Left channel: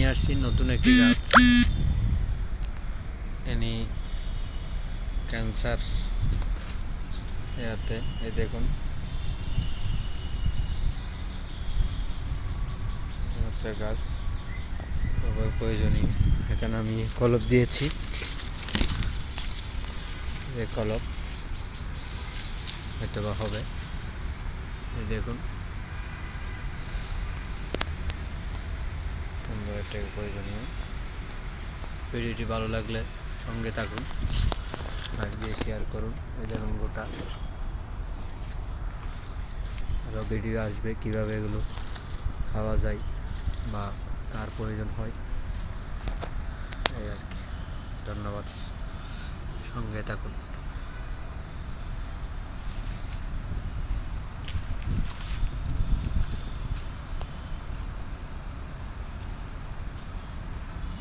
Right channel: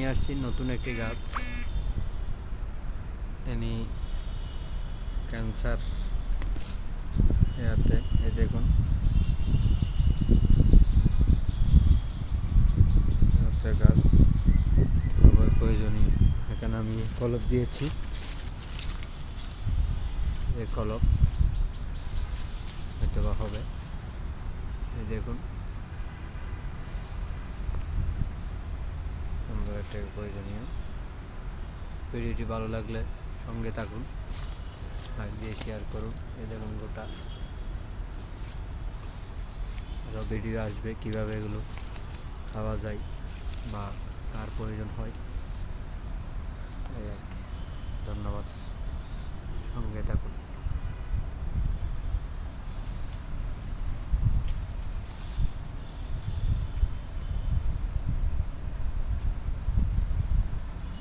নিয়ে আসছি নতুন একটি গাছ। এনি ক্যান্সার এতে এই দেখুন হচ্ছে গাছ আবার প্রয়োজনীয়। এখানে আমি কলপ দিয়েছি, এই কলপ হয়তো বা হবে। এই দেখুন সুন্দর একটা প্রয়োজনীয়। ভিডিওটি ভালো লাগলে সঙ্গে থাকুন, লাইক দিয়ে শেয়ার করুন। এই দেখুন গোটা আরও ভিডিও আসবে কীভাবে এগুলো খাওয়া যায় বা কার প্রয়োজন হয়, এই আর কি। ধন্যবাদ, সঙ্গে থাকুন।